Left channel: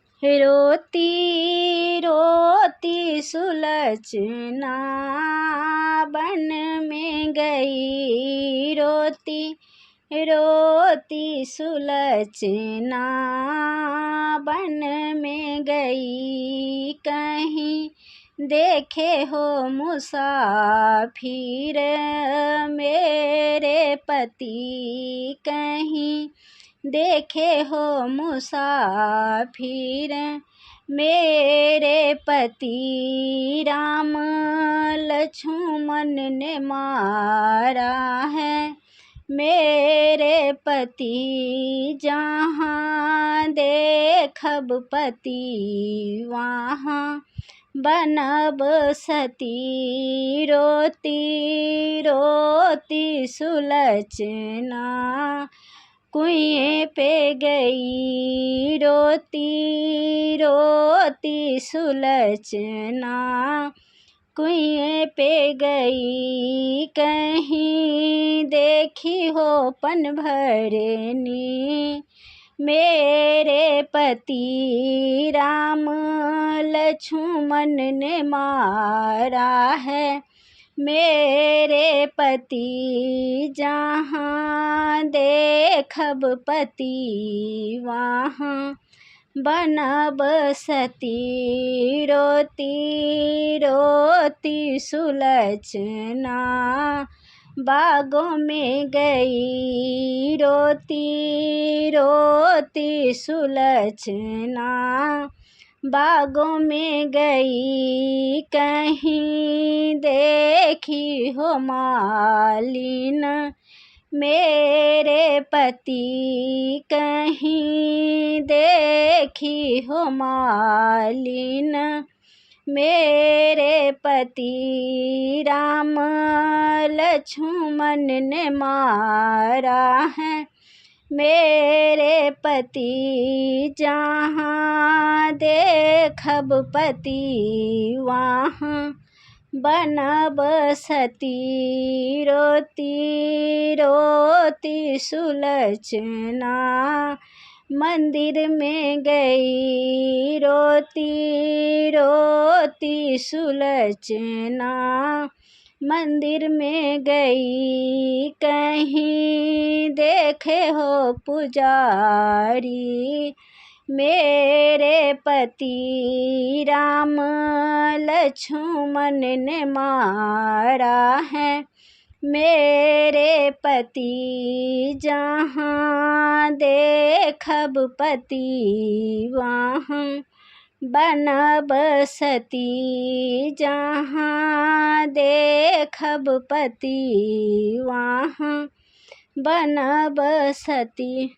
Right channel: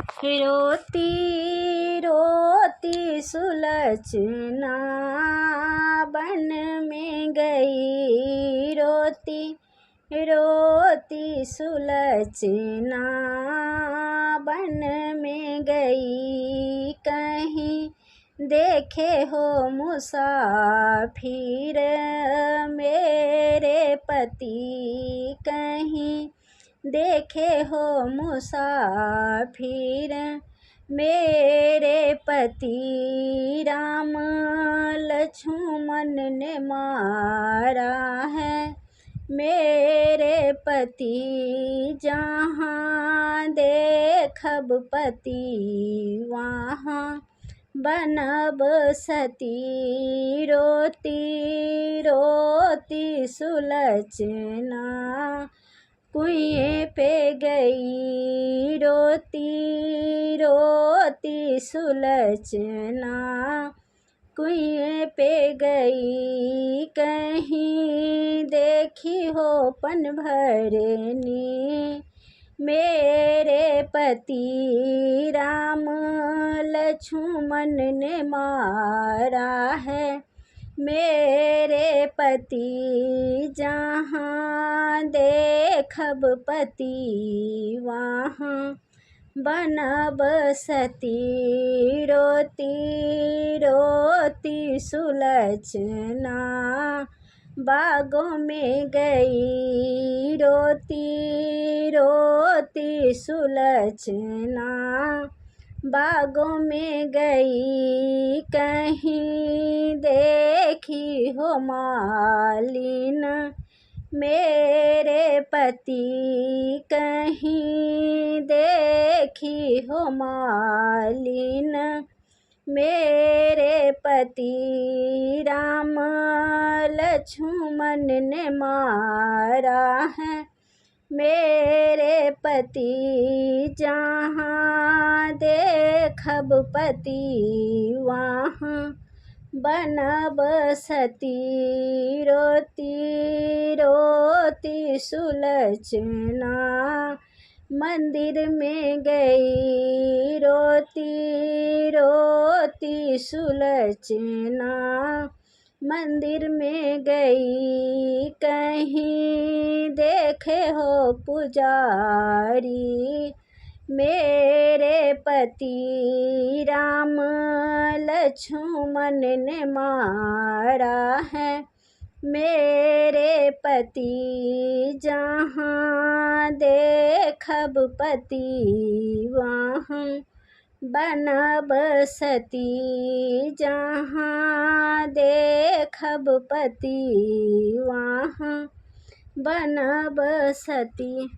रोती रोती सुलचना बन में गई, रोती रोती सुलचना बन में गई। कहीं देखे हो मुसाफिर मेरे पति, कहीं देखे हो मुसाफिर मेरे पति। राम लक्ष्मण ने मारा है मेरे पति, जहाँ देखब पति वहाँ बनब सती। रोती रोती सुलचना कुएं पे गई, रोती रोती सुलचना कुएं पे गई। कहीं देखी हो पन भरनी मेरे पति, राम लक्ष्मण ने मारा है मेरे पति, जहाँ देखब पति वहाँ बनब सती। रोती रोती सुलचना बागों में गई, रोती रोती सुलचना बागों में गई। कहीं देखी हो मालिन मेरे पति, कहीं देखी हो मालिन मेरे पति। राम लक्ष्मण ने मारा है मेरे पति, जहाँ देखब पति वहाँ बनब सती। रोती रोती सुलचना मंदिर में गई, रोती रोती सुलचना मंदिर में गई। कहीं देखे हो पुजारी मेरे पति, राम लक्ष्मण ने मारा है मेरे पति, जहाँ देखब पति वहाँ बनब सती। जहाँ देखब पति वहाँ बनब सती।